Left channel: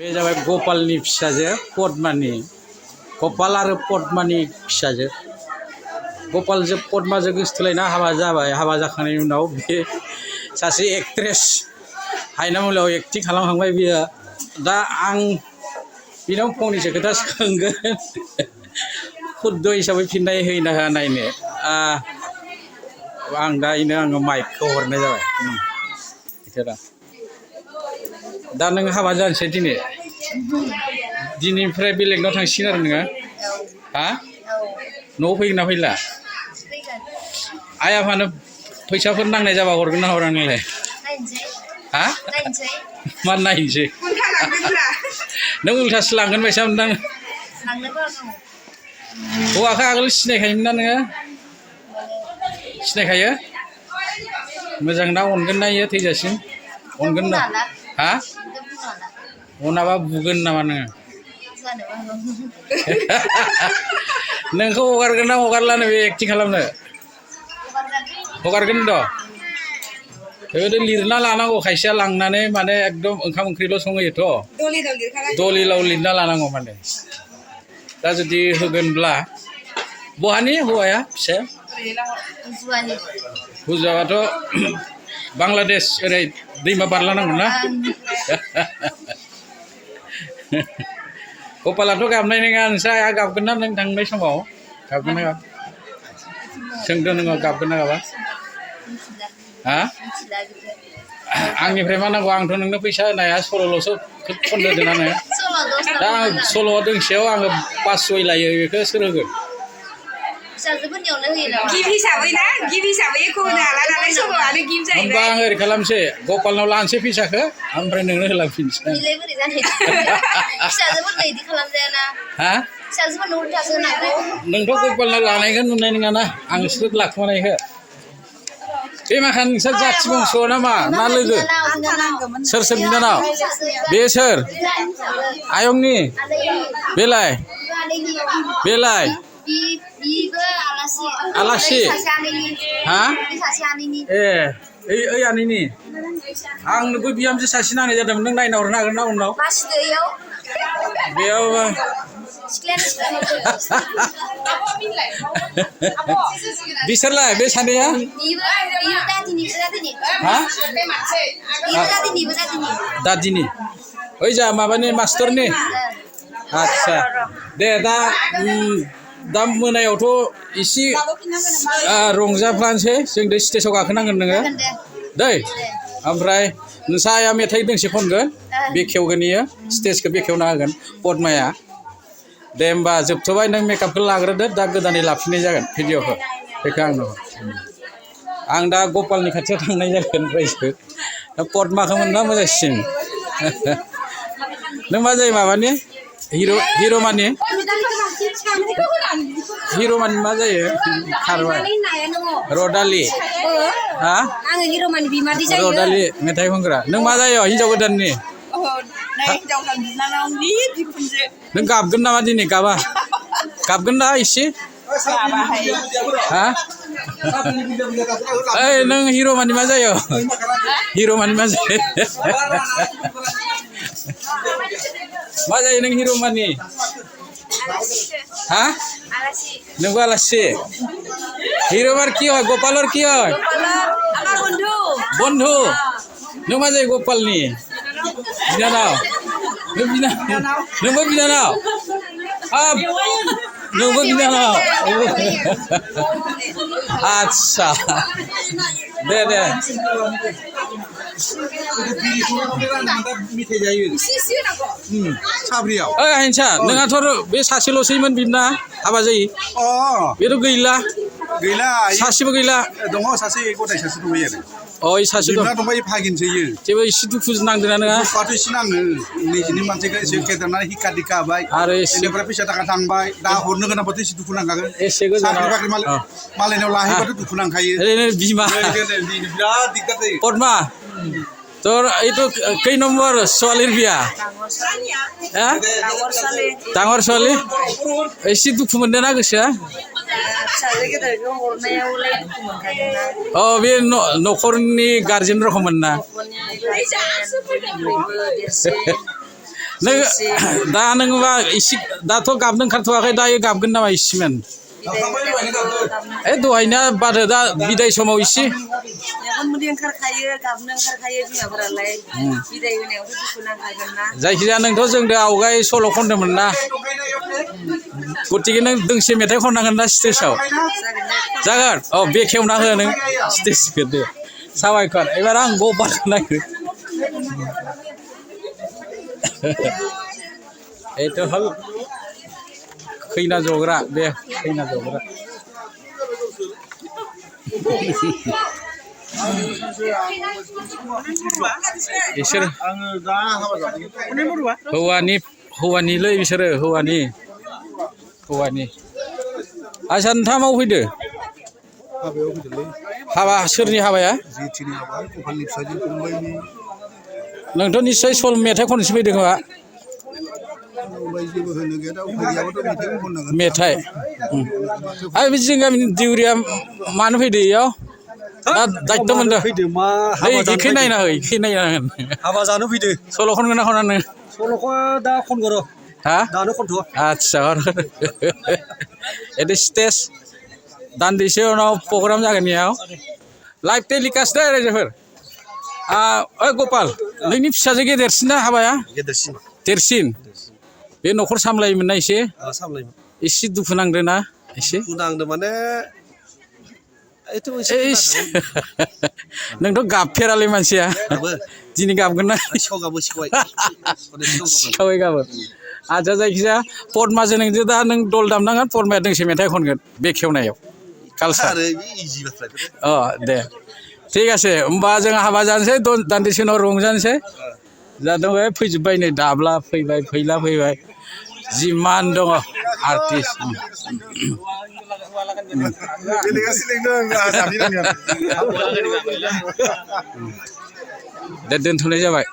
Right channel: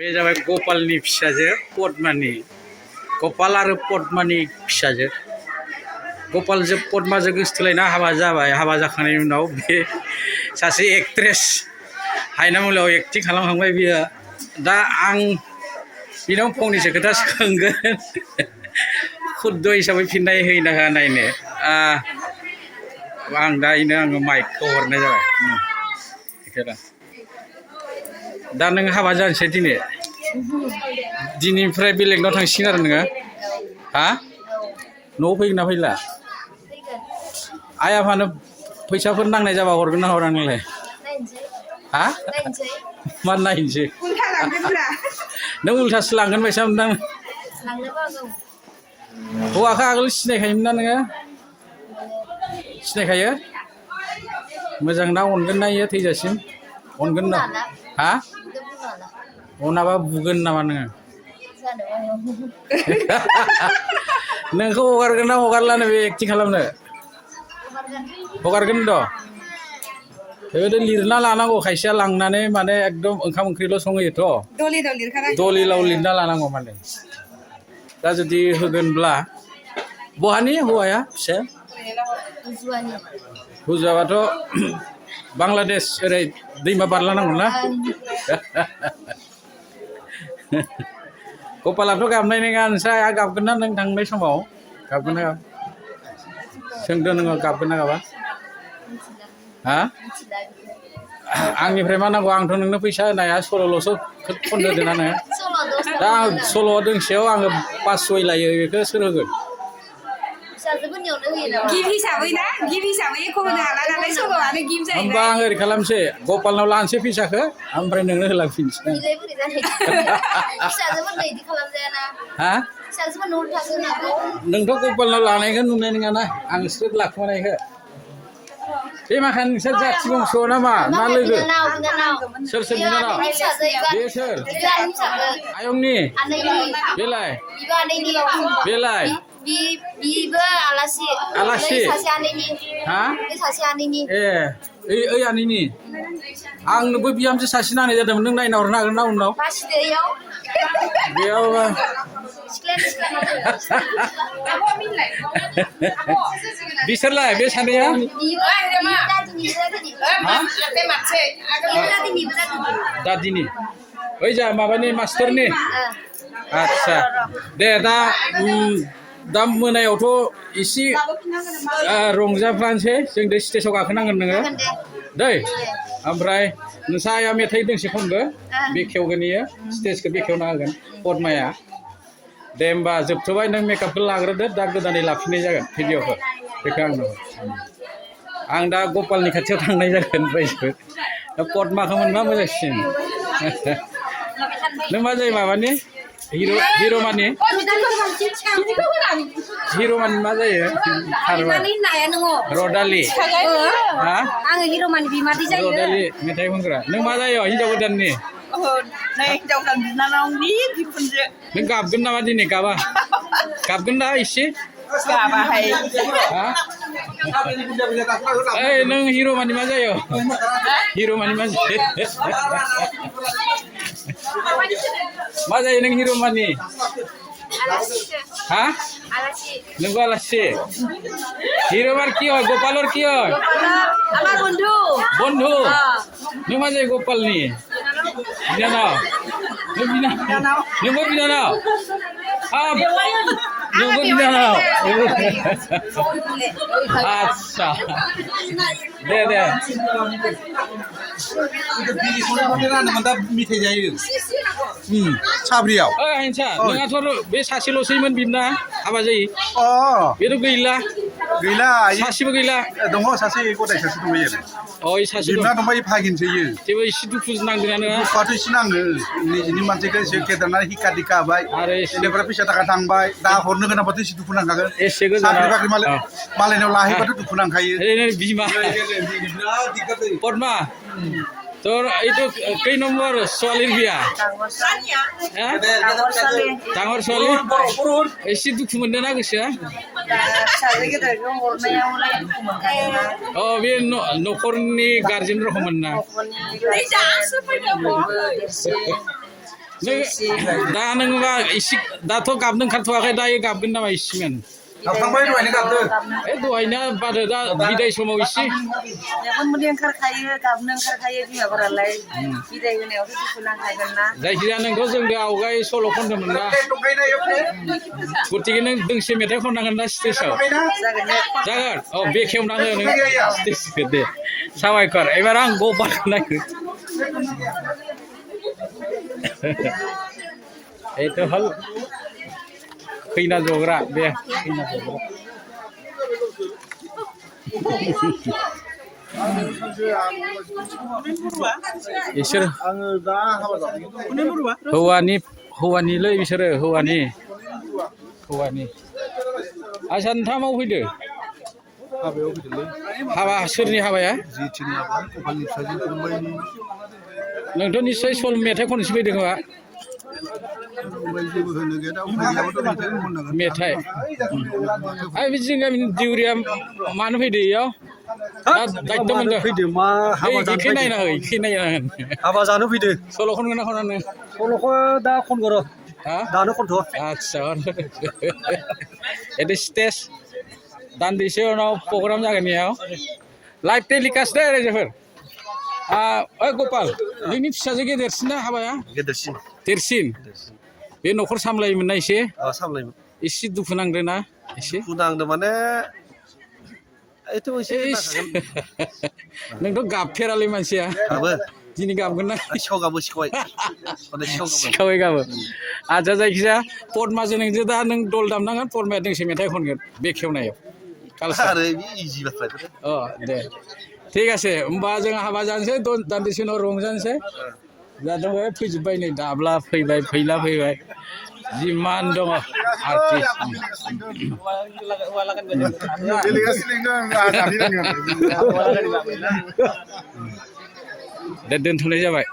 बे जाबाय गपालनि फिसाजो पद्मानि। गपाल आरो पद्मानि फिसाजो। गपालजों पद्माजों गोसथोलायना हाबा जाबाय। हाबा जाखांनायनि उनाव बे सासे एक्ट्रेस हायनामुलियाव एक्टिं खालामखांबाय बियो। दा आं बिनाव फंनैसो खोथा सोंगोन खुद्द हिसाबै फिननाय होयोना होआ नायनो। आं दा इनो आङो माइकखौ हरनाय जाबाय। दा नों हाबा जानोसै दिनै? दिनैनिफ्राय बेलेगनाव थांसिगोन आरो नोङो? हा? न'आव फैगोन ना फैला? आइ आफानो फैसाफोर नांनाय जाबा हरगोन ना हरा नोंलाय? हा? मा नायनोसै? नों उल्थासो लांगोन बायसा मोनदां। हौवाखौ आगोल सिनायखायोमोन ना नोङो? सिनायखायो? मोजां ना अनगोन ना इयो थैजासिम? अनगोन ना? हा? अनाबा बुगोन नामा नोङो? नोंखौ हगारगोन ना हगारलानो बे एक्टिं खालामनो? हगारगोन द'? बेबायदि लिरना लानांगौ खायसेया लांनानै माने एकदम ओंखाम ओंख्रिल' संहैयोथ'। दलिलाव लिरना लानांगौ माने। दा जुदि होगोनब्ला बहानि हौवाया फिसाया? हुजुआबाथ' बांलादेश ओरै दैमा बारलांनांगौ ना? गपालाथ' गाबनाय नङा। नोंस्रा आइया गाबगोन ना नों थांनाय समाव? गाबगोन ना गाबा? सोंदो नोङो गाबगोन ना गाबा? हा? आंनिफ्राय मा नांगौ? आंथ' नोंनो फैसा होनो हाया। सल'ल'सो खननो होदों ना नोङो? दा आं सल' दोंसेयाव आङो 500 लायो। बेखौ सोर होगोन? फिसाजोफोरनियावनो होयो नामा? गिफ्ट हिसाबै ना? गिफ्ट हिसाबै एख' होनो हाला नालाय सल'आनो गिफ्ट जाहैबाय। होमबा आं ओरै खालामसै, गपालनाव लानोसै फैसाखौ, ओमफ्राय नोंनो होलांफिनसै। बिलाय बोरै जानो? फिसाजोफोरनो इदि खालामजायाना। हा? फिसाजोफोरनो उल्थासो होनांगौ। नोंथ' गपालनाव लानायखौ नुनाय नङाना आंसो लाखुमानायखौ। बे माखा नोंसोर जाथि बंस' नामा ना लोगो? सोर सोर बिनानाव? बे सोर? आयंनि? बेलाय? बेलाय? बिबो आलासि। आलासि? सासे आनैनि। हा? सासे आनैनि। ओइ आनैनि? आंनोबो बिहामजो सासे नांनाय जादोंमोन। नों नायना हरनो हागोन ना उनाव? बासिदो इयाव? बेयाव बिसोरलाय बे सानैया? बिबो दादिनि दादिनि। हा? दादिनि? ओइ जा माबानि मास्टरनि? आदसा दे दा मोनायावथ' एसे रंजाफ्लानोसै। जों दै स्टेजाव गाखोनांगोन नोङो दै। ओमफ्राय नोंसा आइया मेथाइ दोंसे खनगोन, बेखेवगोन इयो स्टेजखौ बेखेवना होगोन पद्माया। दे होमबा जोबथ'बाय। नों मेकआपखौ लाग्रोदो। दा गोदानै लाफिननाय जागोन भिडिअखौ। बेखौ आंनो हर। आं दा गपालनि खाथियाव थांनाय जागोन रायजो। दा पद्माखौ मोनबा मोजांसिन। नों मा जायो माबानि? हिर'मानि? हिर'मानि मा जायो? खारबाय। रदालि? हा? आङो हिर'मानि बिमादै जायो। रदालि मेथाइ खनग्रा। नों मा जायो हिनजाव गोदाननि? नै हिनजाव गोदान बिनानावनि बिखुनजो। नों गाबगोन नामा दिनै? गाबा? गाबगोन ना एसे? गाबाहाय। हा? ओइ नों हिर'मानि मा जायो? हिर'मानि मा जायो? मा जायो नों हिर'मानि? हा? नोंबो आलासि? হিরোমার কি হয়? গোপালর কি হয়? আমার বন্ধু। বন্ধু? नों मा जायो गपालनि? बिनानाव? नोंबो बिनानाव? नोंबो बिनानाव? आदसा दे। मेथाइ जायो साब्रियाव। ओइ हिंसा नोंहाथ' बे सासेल'सैमोन बिना हाबा जायो? बेथ' गैला? सासेबो गैला? दङ सासे गदाय सासे दंबायो आरो। ओइ सासे दं। बिना दंबायो भागिनसोयो। जेबो एसे दुखु नांदोंना नोंहा? दुखुआथ' एसे नाङो। निजिनि मानसिखौ एसे फेदेरनानै हिखा दिखा होबाय। आरो बेनिफ्राय फैसा थाखा थांबाय। दा हरनो गोनांबाथ' एसे दुखु नांखागोन। एसे गोजानाव साख्रि बाख्रि मालायनाव लाहैबाथ' दुखु नांखायो। बिमा बिराद दिगदार जायो। पद्मा তোর এই তো কই নম্বর ছোৱালীৰ বিয়া? ডাঙৰ ছোৱালী? एसे दुखु मोनदों ना गोसोआ? फिसाजो गेदेरखौ हरनायावलाय दुखु मोनखागोनना। बे न'खरनि गारजेन रखममोन ना? नों दा नोंबा इसे दाथ' गाबनो ओंखारथ'वाखै दायो गाबगोन नामा इसेमोन गाबखांबाय दहायनो गाबदो दहायना बादो दा बिदाय समाव इसे मेगन मोदै ओंखारखायो गाबनो ओंखारखायो बिमाफोरालाय बिदाय होनायावथ' दुखु नांखागोन ना जायखिजाया नोंथ' जोंदो आवगाय सल' खनदोंमोन ना गतिके नों दोंसे मेथाइ खननांगोन ना स्टेजाव जागोन औ बेखेवना हो नों स्टेजखौ दे साबायखर एबार आं गपालखौ नायनो এইটো হল खैना जग्रा बे खैना जग्रा बिसोर हौवानिलै बिसोरो हौवानि आसा नोंथाङा माव फैदो हाबायाव फैदोलै हाबा सोरनि हाबाया जिथिनि हाबा कपालनि फिसाजो फंबायनि नोंथ' निस्सय सल मेथाइ खननोसो फैदों खोमा फंबाय जेबो होनो गैया दा उफाय गैयाबाथ' मेथाइखौ खननांगोन मेथाइ आरो बे जों गामिनि दिउरिया मानो फैदो इयाव दा दायित्व मोनदों इखै नायना हो इखै नायना होन हाबा जानो फैदो सल' खनगोन ना खना नों सल'खौ दा खनगोन र' हा दानो खनथ' आदसा एदि स्टेज दान्दिसे उनाव प्रग्राम जागोन इयाव लाइभ टेलिकास्ट दे रायजोफोर ओइ गपाल नोंनि फिसाजो गेदेरसिन ना हाबाया गेदेरसिन देरसिन बे न'खर सामलायोमोन ना एसे सामलायोमोन एसे दुखु नांदों ना एसे दुखु नांदों माने नोंथ' गाबफेरालै मानसिया दिनै गाबगोन ना सिखावै गाबो आदसा जायखिजाया पदमाजों नोंजों दा नों दल दामनांगोन पदमाया दोंसे मेथाइ खनगोन बेखेवनायाव कालसार अ दे ঠিক আছে होमबा जों हाबा जानोसै दान्दिसे उनाव रंजानोसै जादों फैजोब्बाय नै दाब्ला फैबाय फैला फैबाय जिमान दङ आर्टिस्ट दे दोनथ'नाय जाबाय